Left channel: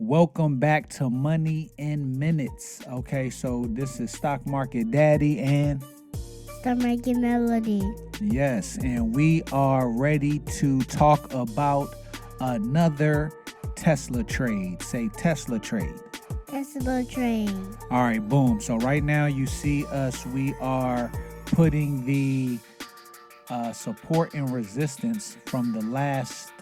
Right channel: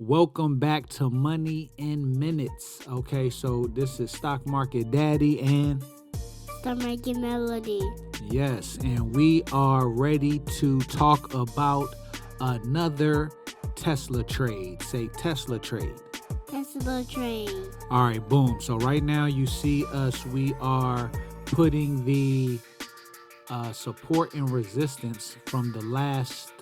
Welcome back to Money in Minutes. Okay, so this is Stock Market Daddy, and Start making melody. yes, and we are ready to talk about another Tesla trade. Say Tesla trade. Tesla train. All right, boom. So right now you see us, we are putting the support and resistance from the last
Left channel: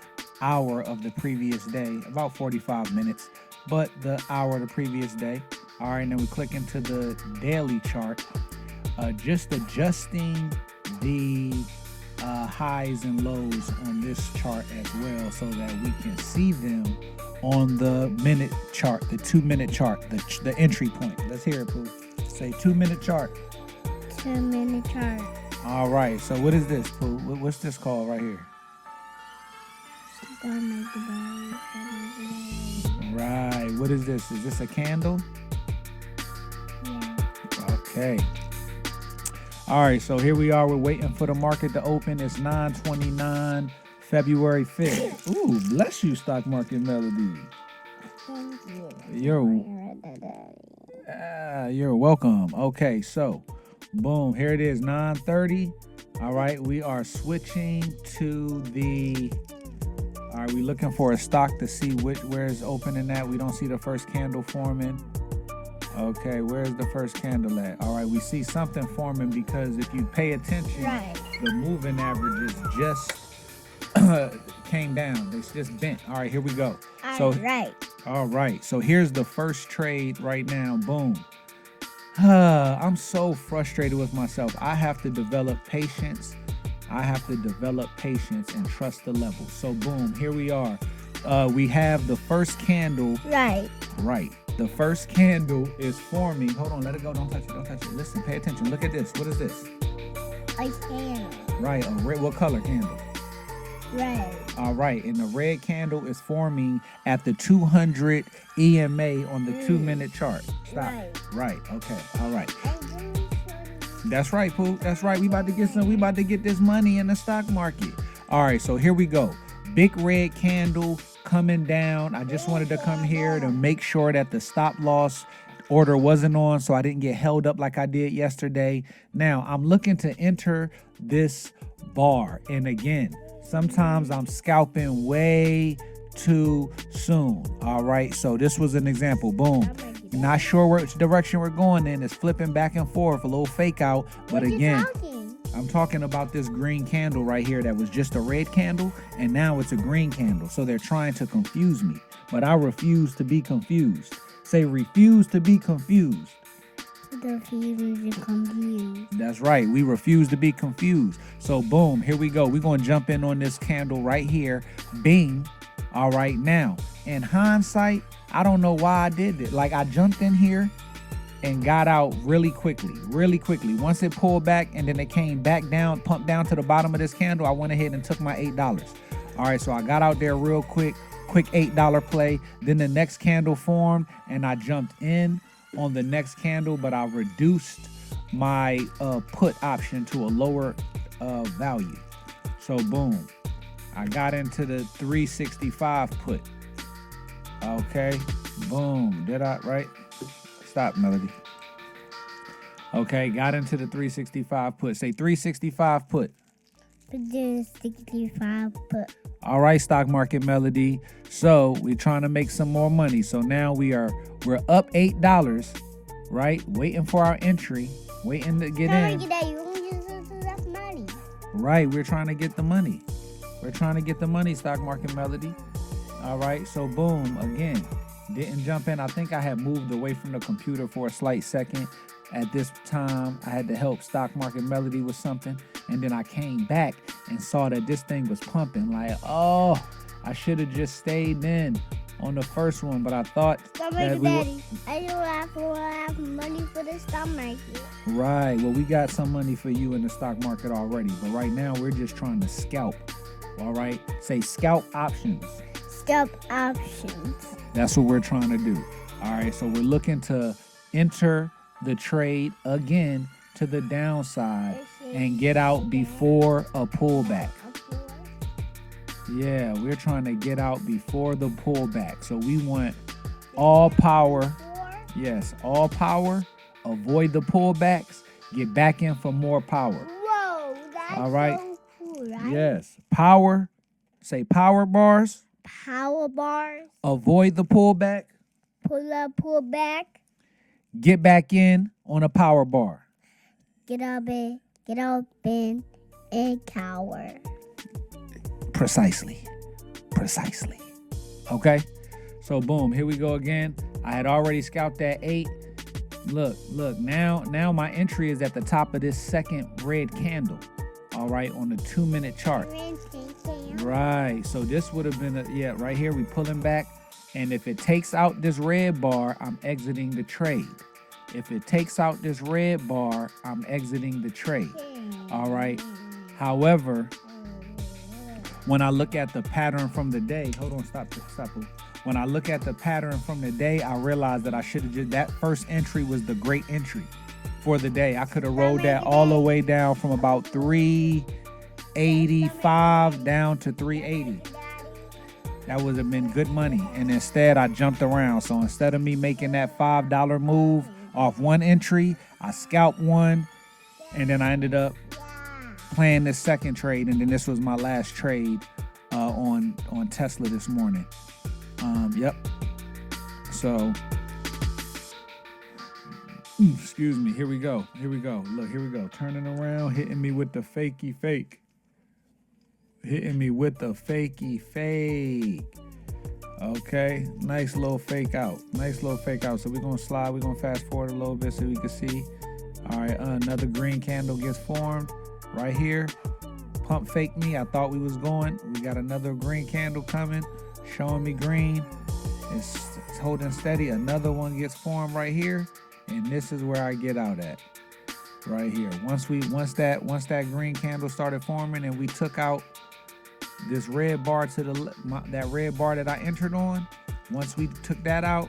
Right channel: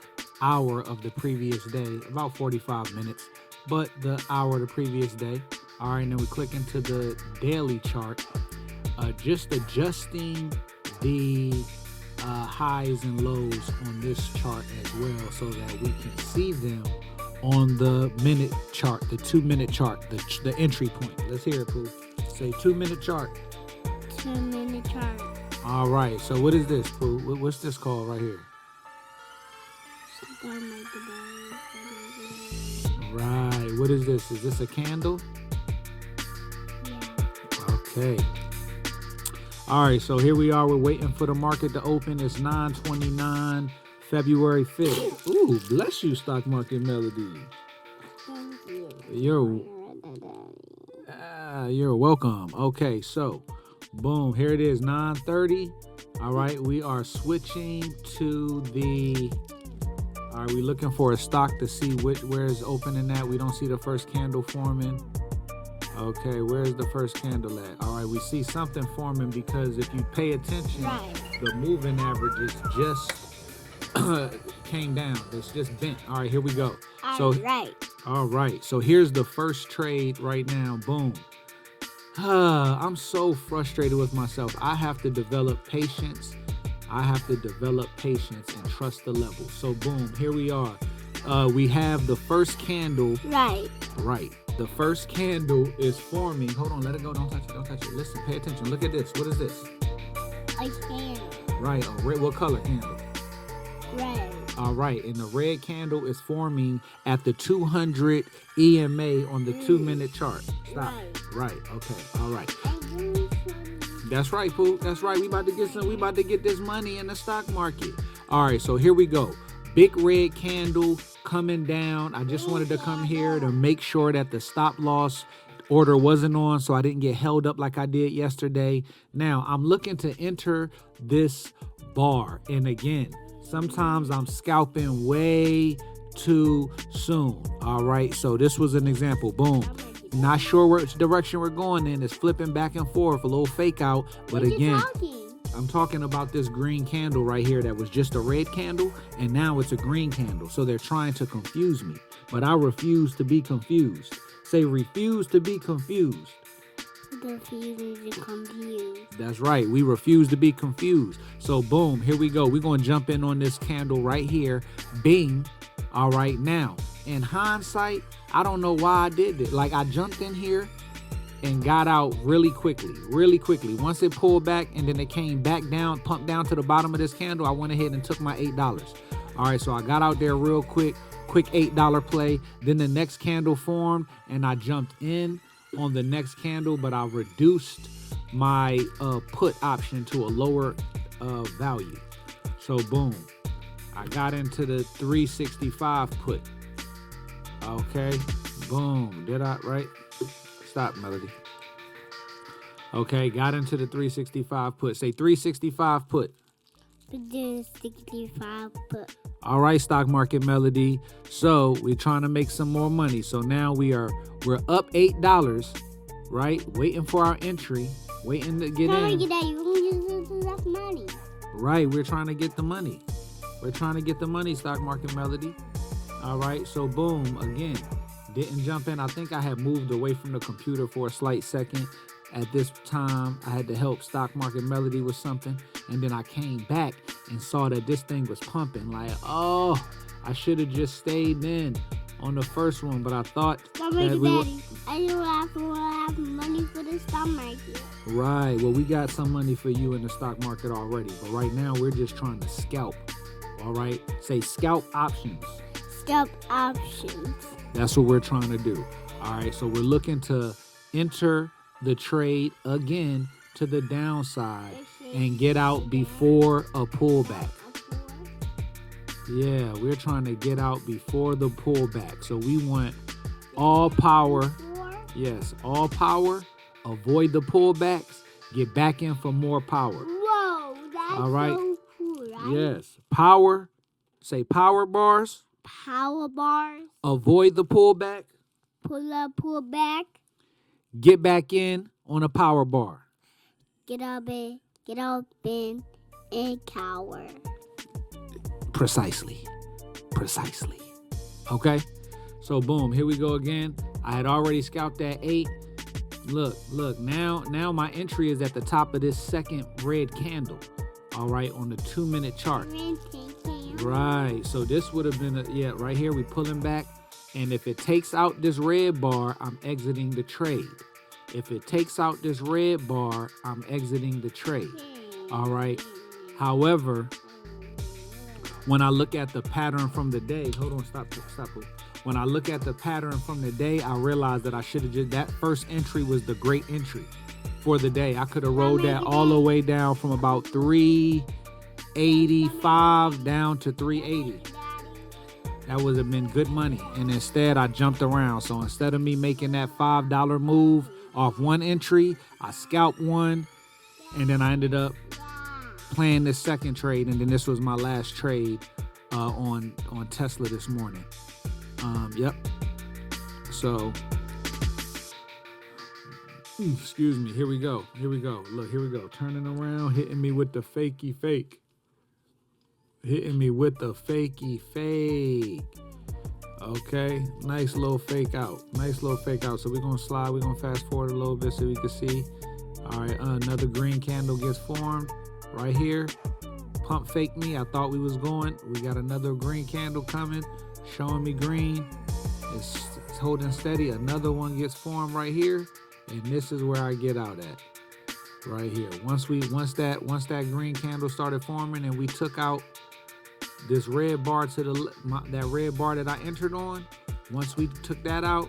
hour of the previous day, about 45 minutes, but the hour of the previous day. All right, and then we click into the daily chart, just adjusting the highs and lows on this chart as well so that we can see them on the minute chart, the 2-minute chart, the entry point. Let's hear it, Pooh. Say 2-minute chart. 2-minute chart. All right, so what is this, Pooh? What's this called right here? Start making Right, what is this? Is this a candle? Yeah. Okay. All right, so here we are. We're waiting for the market to open. It's 9/29, February 5th. Ooh, bless you, Stock Market Melody. Thank you. You're welcome. Okay, so boom, here it is, 9:30. All right, we are switching to the. All right, we're looking for a stock to see where it's opening at. We don't see the first candle forming. Okay, where's the first candle at? All right, we see something forming because if you pay attention, Right. the moving averages just came down. It's just bent. All right, here we go. Right. All right, so here's the first trade right now. Boom. I'm so frustrated with myself. I have to develop patience. And trust the level. So boom, here we are. We have the first candle. Right. Right. The first candle is forming. Hold on, let it go. Don't touch it. Don't touch it. Listen, pay attention. Look at this. What is this? A candle. Right, a red. What color candle? Red. All right, and the red candle is forming at the 200 EMA on the 2-minute chart. Stop. Right. Okay. All right. That's right, Pooh. That's right. We about to get this money in the stock market. All right, so here we go. Big red candle coming down. I just wanted to come here to make sure that the stop loss order wasn't on so I didn't get held up like I did yesterday. Now, I'm looking to enter this bar. And again, sometimes I'm scalping way too soon. All right, so this was an example. Boom. Not sure which direction we're going in. It's flipping back and forth, a little fake out. But again, I'm talking about this green candle right here that was just a red candle, and now it's a green candle. So they're trying to confuse me, but I refuse to be confused. Say refuse to be confused. That's right. We refuse to be confused. So boom, here we go. We're going to jump in on this candle right here. Bing. All right, now, in hindsight, I don't know why I did it. Like, I jumped in here and got out really quickly. Once it pulled back and then it came back down, pumped down to the bottom of this candle, I went ahead and took my $8. All right, so I got out there real quick $8 play. Then the next candle formed and I jumped in on the next candle, but I reduced my put option to a lower value. So boom, I got into the 365 put. Okay, boom, did I, right? Stop, Melody. Okay, got into the 365 put. Say 365 put. 365 put. All right, Stock Market Melody. So we're trying to make some more money. So now we're up $8, right? Waiting for our entry, waiting to get in. Money. Right, we're trying to get the money. Stock Market Melody. All right, so boom, again, didn't jump in. I think I had moved away from the computer for a slight second. At this time, I had to help Stock Market Melody with something. And then I came back and saw that this thing was pumping. Like, oh, I should have just stayed in on the first one. But I thought that we Daddy, I don't have money for the stock market. Right, well, we got some money for you in the stock market already. But right now, we're just trying to scalp. All right, say scalp options. Scalp options. That's what we're trying to do. All right, so we're looking to enter the trade again to the downside and get out before a pullback. Yeah, we're trying to get out before the pullback. So we want All power. Four. Yes, all power. Avoid the pullbacks. Get back in for more power. Whoa, that's All right. so cool, right? Yes. Power. Say power bars. Power bars. Avoid the pullback. Pull up, pull back. Get back in on a power bar. Get up and cower. Precisely. Okay? So boom, here we go again. I had already scalped that 8. Look, now my entry is at the top of this second red candle. All right, on the 2-minute chart. Right, so this would have been, right here, we pulling back. And if it takes out this red bar, I'm exiting the trade. If it takes out this red bar, I'm exiting the trade. All right. However, when I look at the pattern from the day, hold on, stop. When I look at the pattern from the day, I realize that I should have just, that first entry was the great entry for the day. I could have rolled that all the way down from about 385 down to 380. That would have been good money. And instead, I jumped around. So instead of me making that $5 move off one entry, I scalped one. And then I ended up playing this second trade. And then this was my last trade on Tesla this morning. Yep. So, excuse me. Here we go. Look, here we go. Turning around, hitting me with the fakey fake. Okay, nice little fake out. So we're gonna slide, we're gonna fast forward a little bit so we can see. All right, another green candle gets formed right here. Pump fake me, I thought we was going. We got another green candle coming, showing me green. It's holding steady. Another one gets formed right here, and this is where I get out at. Right here. Once that green candle started forming and we took out this red bar to that red bar that I entered on, once we took that out,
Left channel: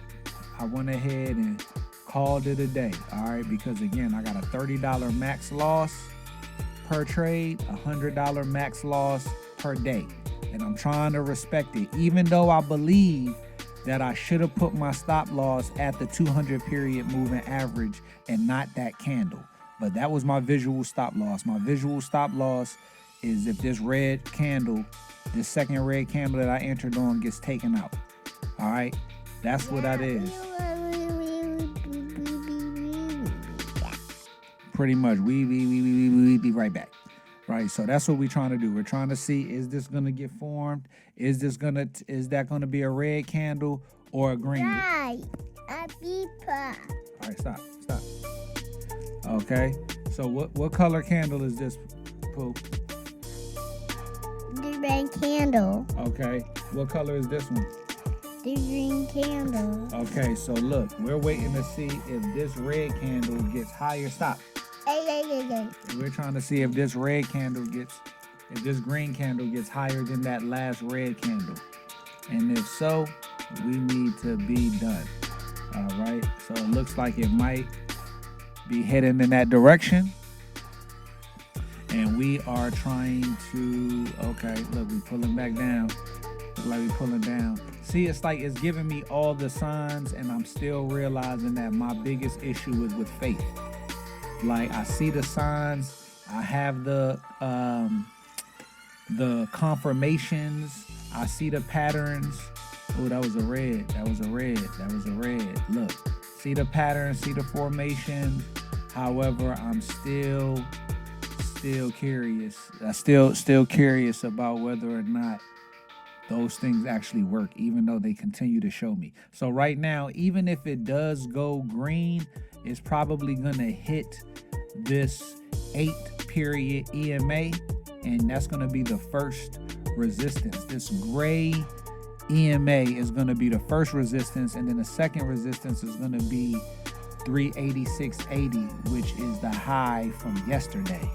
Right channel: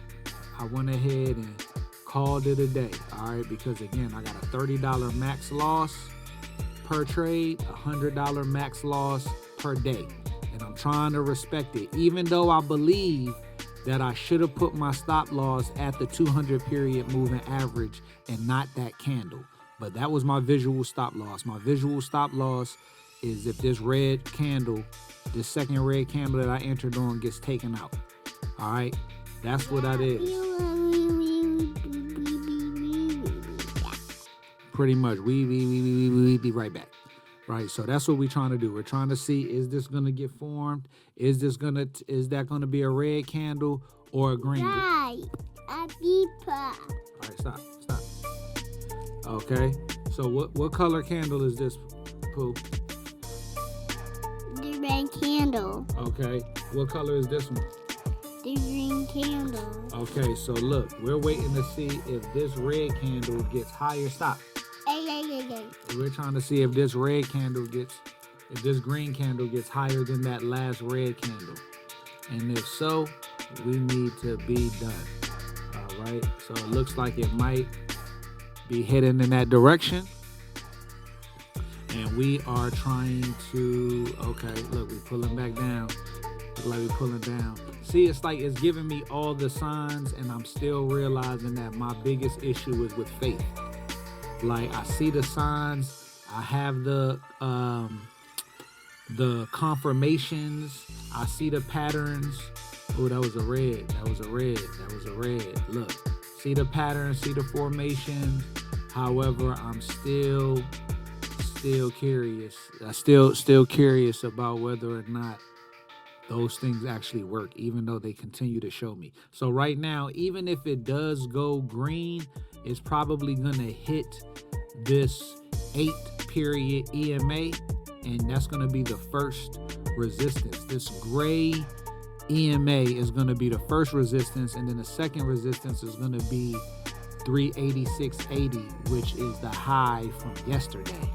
I went ahead and called it a day. All right, because again, I got a $30 max loss per trade, $100 max loss per day, and I'm trying to respect it, even though I believe that I should have put my stop loss at the 200 period moving average and not that candle. But that was my visual stop loss. My visual stop loss is if this red candle, this second red candle that I entered on gets taken out. All right, that's what that is. Pretty much, we be right back. Right, so that's what we're trying to do. We're trying to see, is this gonna get formed? Is that gonna be a red candle or a green? Right, a beeper. All right, stop. Okay, so what color candle is this, Pooh? The red candle. Okay, what color is this one? The green candle. Okay, so look, we're waiting to see if this red candle gets higher. Stop. Hey. We're trying to see if this green candle gets higher than that last red candle. And if so, we need to be done. All right, so it looks like it might be heading in that direction. And we are trying to, okay, look, we're pulling back down. See, it's like it's giving me all the signs, and I'm still realizing that my biggest issue is with faith. Like, I see the signs, I have the confirmations, I see the patterns. Oh, that was a red. Look, see the pattern, see the formation. However, I'm still curious. I still curious about whether or not those things actually work, even though they continue to show me. So right now, even if it does go green, it's probably gonna hit this 8-period EMA, and that's gonna be the first resistance. This gray EMA is gonna be the first resistance, and then the second resistance is gonna be 386.80, which is the high from yesterday,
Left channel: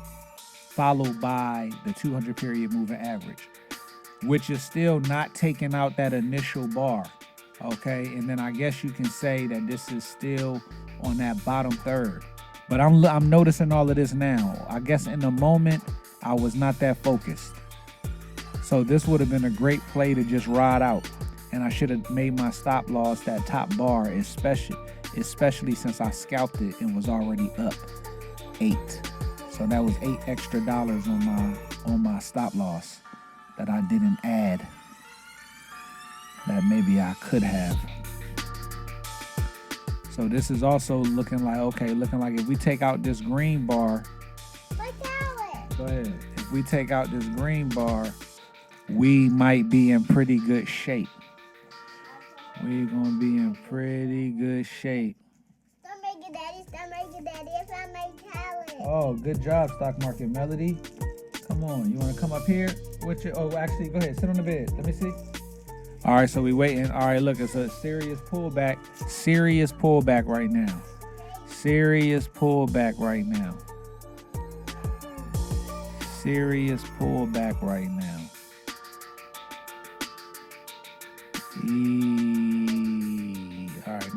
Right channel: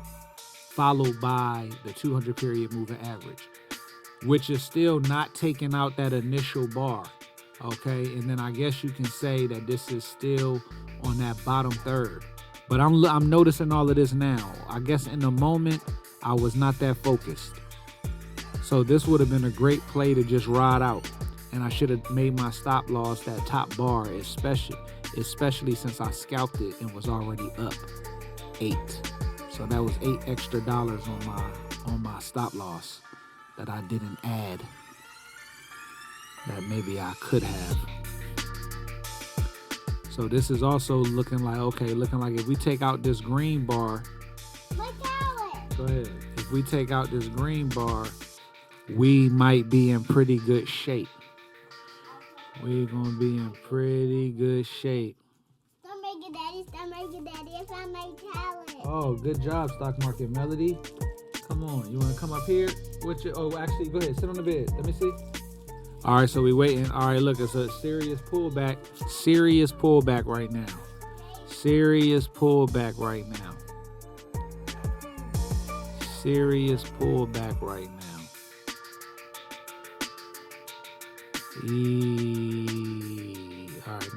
followed by the 200 period moving average, which is still not taking out that initial bar. Okay, and then I guess you can say that this is still on that bottom third. But I'm noticing all of this now. I guess in the moment I was not that focused. So this would have been a great play to just ride out. And I should have made my stop loss that top bar, especially since I scalped it and was already up 8. So that was $8 extra on my stop loss that I didn't add. That maybe I could have. So this is also looking like if we take out this green bar. Go ahead. If we take out this green bar, we might be in pretty good shape. We're gonna be in pretty good shape. Stop making daddy. Stop making daddy. If I make Callie. Oh, good job, Stock Market Melody. Come on, you wanna come up here? Actually, go ahead, sit on the bed. Let me see. All right, so we waiting. All right, look, it's a serious pullback. Serious pullback right now. Serious pullback right now. Serious pullback right now. All right,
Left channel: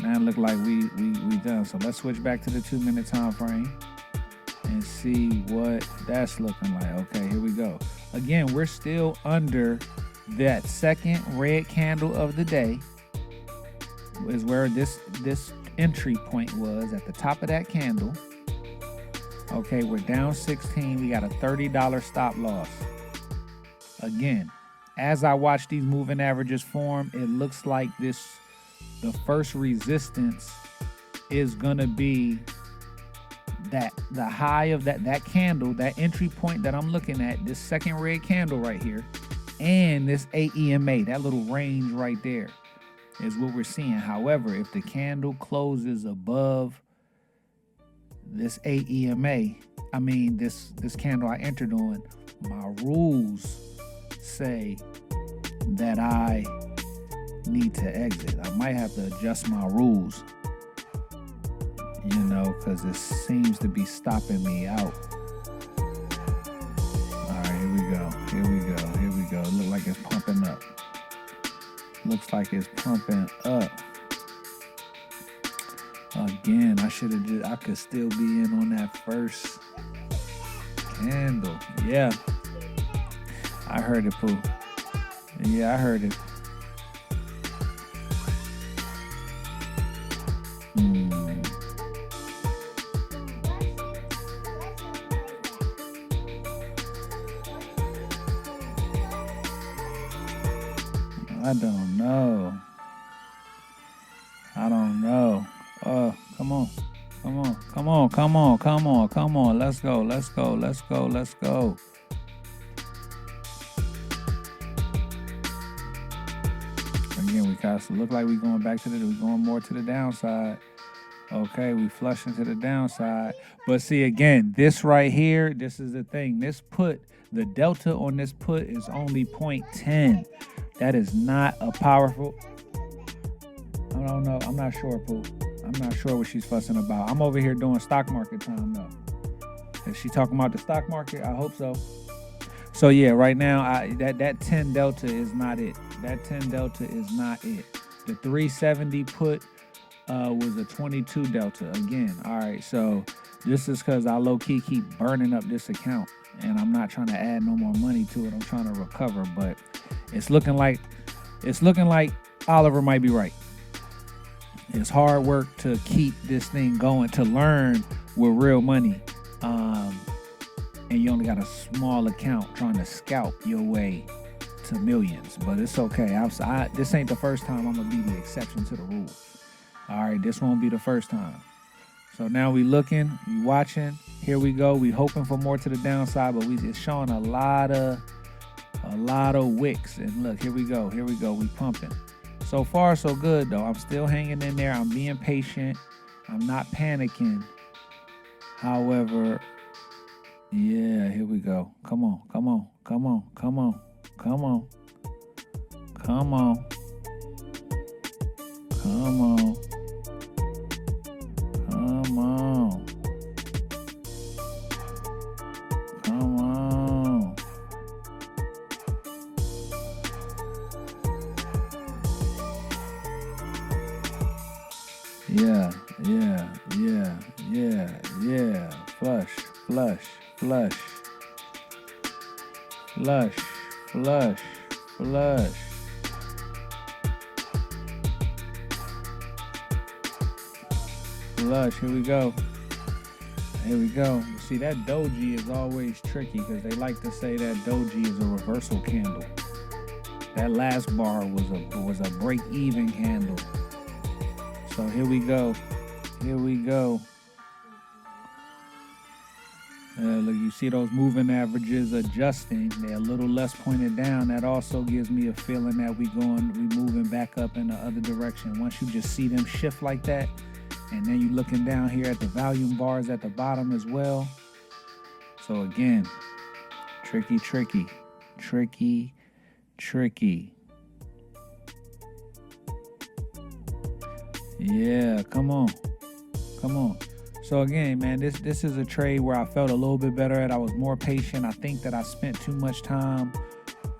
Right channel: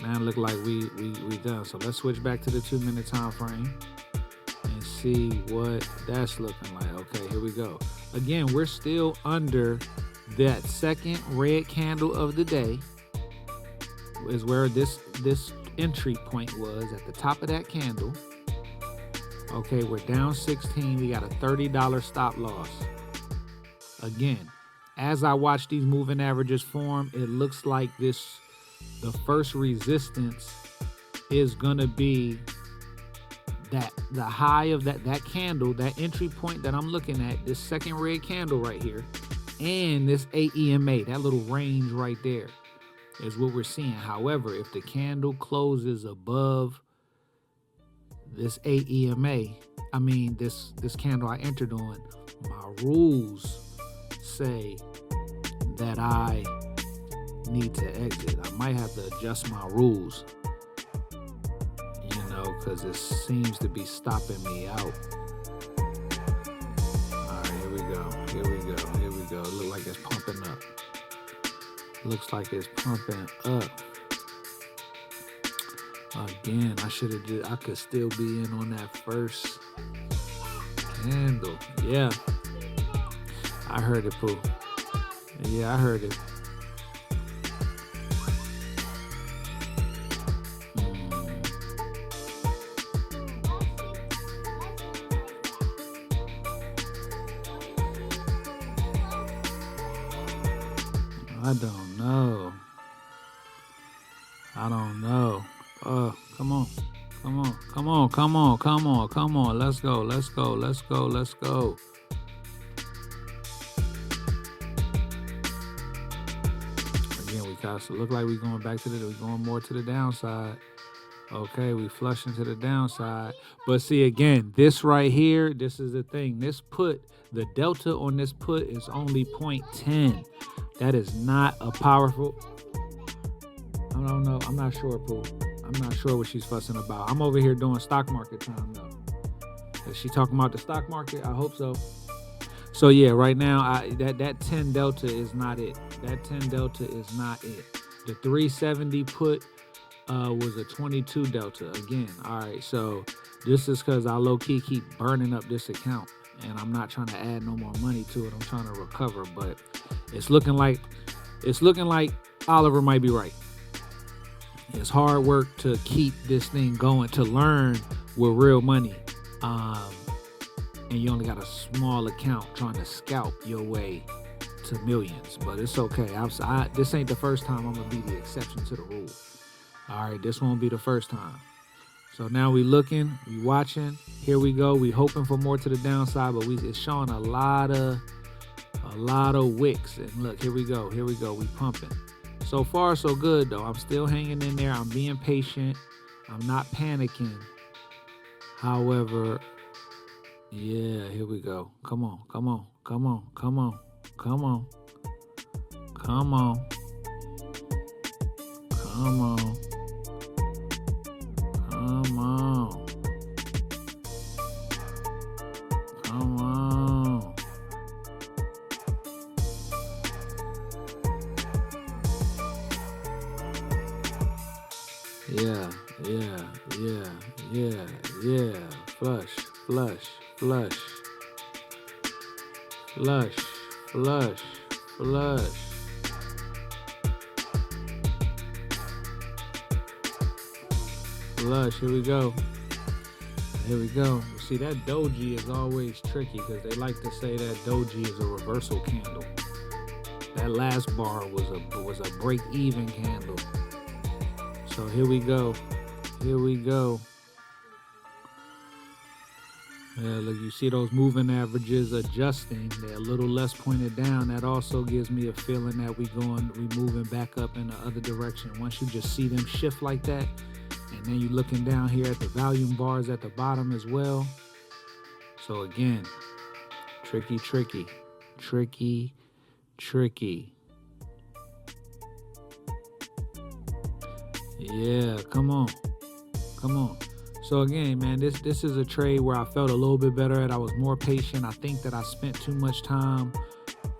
now look like we done. So let's switch back to the 2-minute time frame and see what that's looking like. Okay, here we go. Again, we're still under that second red candle of the day. Is where this entry point was, at the top of that candle. Okay, we're down 16. We got a $30 stop loss. Again, as I watch these moving averages form, it looks like the first resistance is gonna be the high of that candle, that entry point that I'm looking at, this second red candle right here, and this AEMA, that little range right there is what we're seeing. However, if the candle closes above this AEMA, this candle I entered on, my rules say that I need to exit. I might have to adjust my rules, because it seems to be stopping me out. All right, here we go. It looks like it's pumping up. Again, I could still be in on that first candle. Yeah. I heard it, Pooh. Yeah, I heard it. I don't know. Come on. Let's go. Again, we kind of look like we're going more to the downside. Okay, we flush into the downside. But see, again, this right here, this is the thing. The delta on this put is only 0.10. That is not a powerful. I don't know. I'm not sure, Pooh. I'm not sure what she's fussing about. I'm over here doing stock market time though. Is she talking about the stock market? I hope so. So yeah, right now that 10 delta is not it. The 370 put was a 22 delta again. All right, so this is because I low-key keep burning up this account, and I'm not trying to add no more money to it. I'm trying to recover, but it's looking like Oliver might be right. It's hard work to keep this thing going, to learn with real money, and you only got a small account trying to scalp your way to millions. But it's okay. This ain't the first time I'm gonna be the exception to the rule. All right, this won't be the first time. So now we looking, we watching. Here we go. We hoping for more to the downside, but it's showing a lot of wicks. And look, here we go. We pumping. So far, so good though. I'm still hanging in there. I'm being patient. I'm not panicking. However, yeah, here we go. Come on. Yeah. Flush. Flush. Flush. Here we go. Here we go. See, that doji is always tricky because they like to say that doji is a reversal candle. That last bar was a break-even candle. So here we go. Here we go. Look, you see those moving averages adjusting. They're a little less pointed down. That also gives me a feeling that we moving back up in the other direction. Once you just see them shift like that, and then you looking down here at the volume bars at the bottom as well. So again, tricky, tricky, tricky, tricky. Yeah, come on. Come on. So again, man, this is a trade where I felt a little bit better at. I was more patient. I think that I spent too much time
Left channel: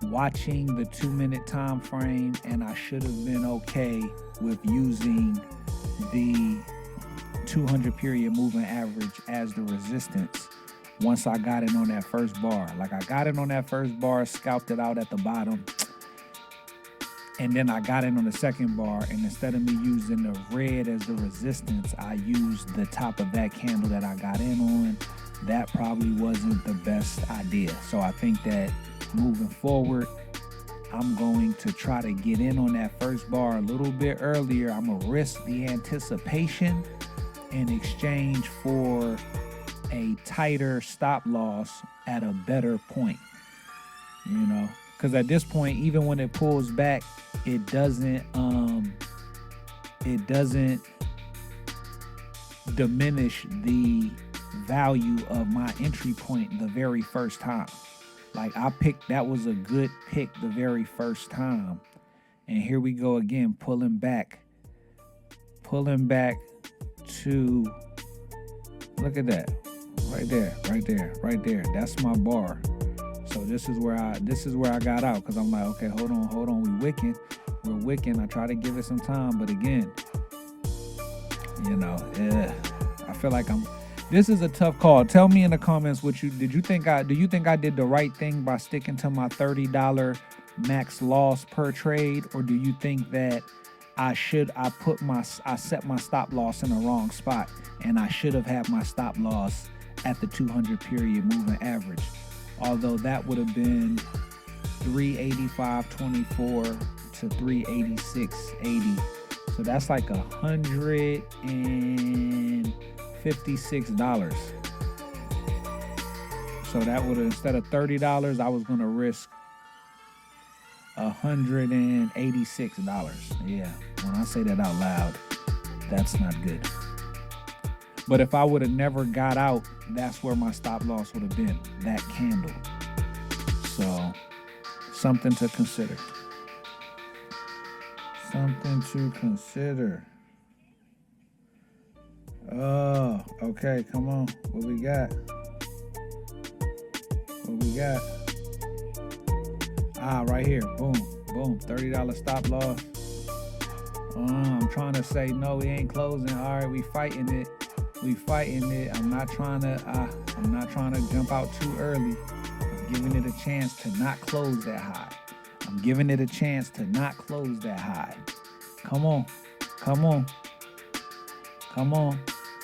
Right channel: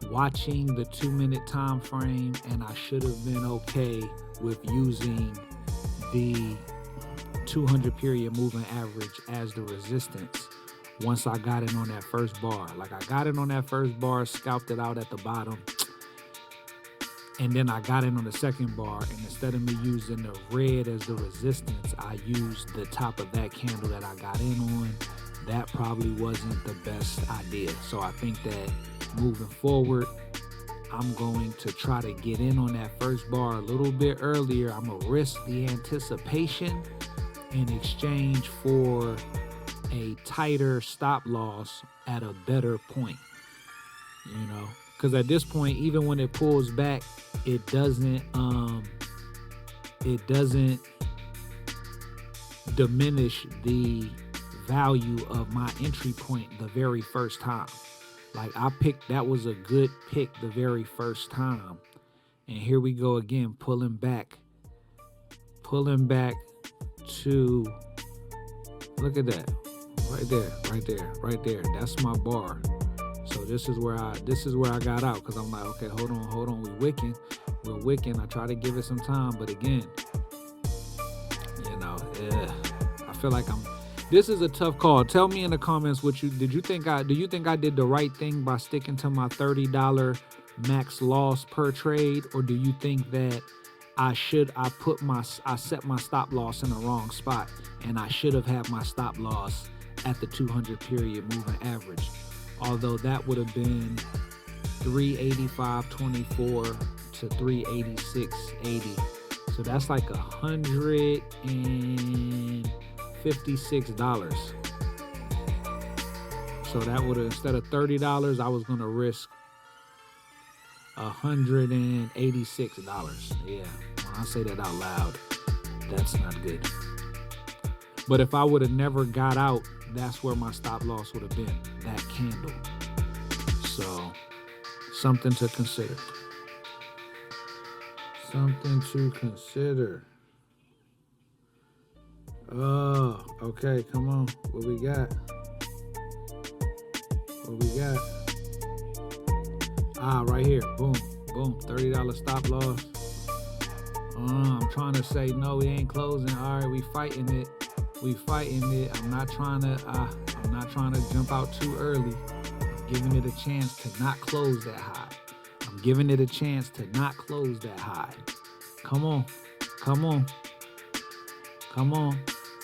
watching the 2-minute time frame, and I should have been okay with using the 200 period moving average as the resistance once I got in on that first bar. Like I got in on that first bar, scalped it out at the bottom, and then I got in on the second bar, and instead of me using the red as the resistance, I used the top of that candle that I got in on. That probably wasn't the best idea. So I think that moving forward, I'm going to try to get in on that first bar a little bit earlier. I'm going to risk the anticipation in exchange for a tighter stop loss at a better point, you know? Because at this point, even when it pulls back, it doesn't diminish the value of my entry point the very first time. Like that was a good pick the very first time. And here we go again, pulling back to, look at that, right there, right there, right there. That's my bar. So this is where I got out, because I'm like, okay, hold on, we're wicking. I try to give it some time, but again, you know, I feel like this is a tough call. Tell me in the comments do you think I did the right thing by sticking to my $30 max loss per trade, or do you think that I set my stop loss in the wrong spot, and I should have had my stop loss at the 200 period moving average? Although that would have been 385.24 to 386.80. So that's like $156. So that would have, instead of $30, I was gonna risk $186. Yeah, when I say that out loud, that's not good. But if I would have never got out, that's where my stop loss would have been, that candle. So, something to consider. Something to consider. Oh, okay, come on. What we got? Right here. Boom, boom. $30 stop loss. I'm trying to say, no, we ain't closing. All right, we fighting it. I'm not trying to jump out too early. I'm giving it a chance to not close that high. Come on.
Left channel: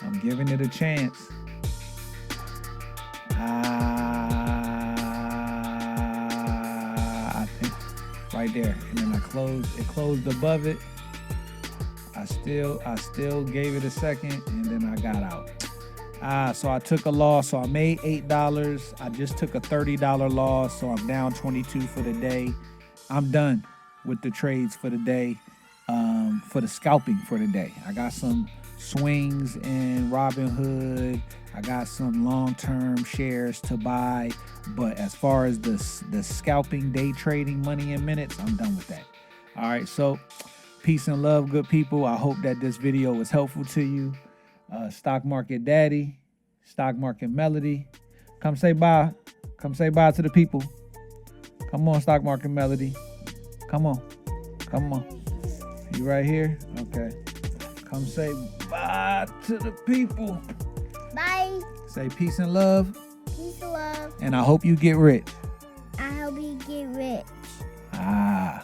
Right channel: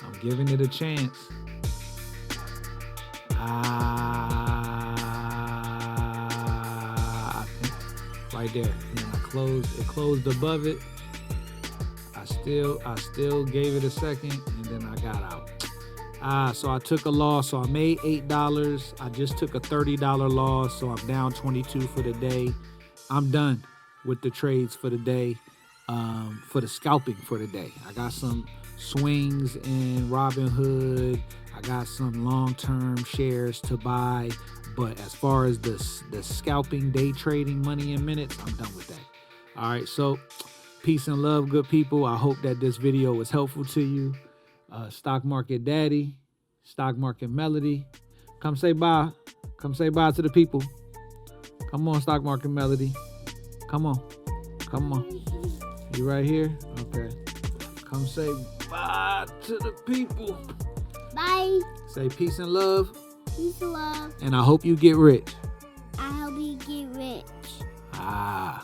I'm giving it a chance. I think right there. And then it closed above it. I still gave it a second, and then I got out. So I took a loss. So I made $8. I just took a $30 loss. So I'm down 22 for the day. I'm done with the trades for the day, for the scalping for the day. I got some swings in Robinhood. I got some long-term shares to buy. But as far as the scalping, day trading, money in minutes, I'm done with that. All right, so peace and love, good people. I hope that this video was helpful to you. Stock Market Daddy, Stock Market Melody. Come say bye. Come say bye to the people. Come on, Stock Market Melody. Come on. You right here? Okay. Come say bye to the people. Bye. Say peace and love. Peace and love. And I hope you get rich. I hope you get rich. Ah,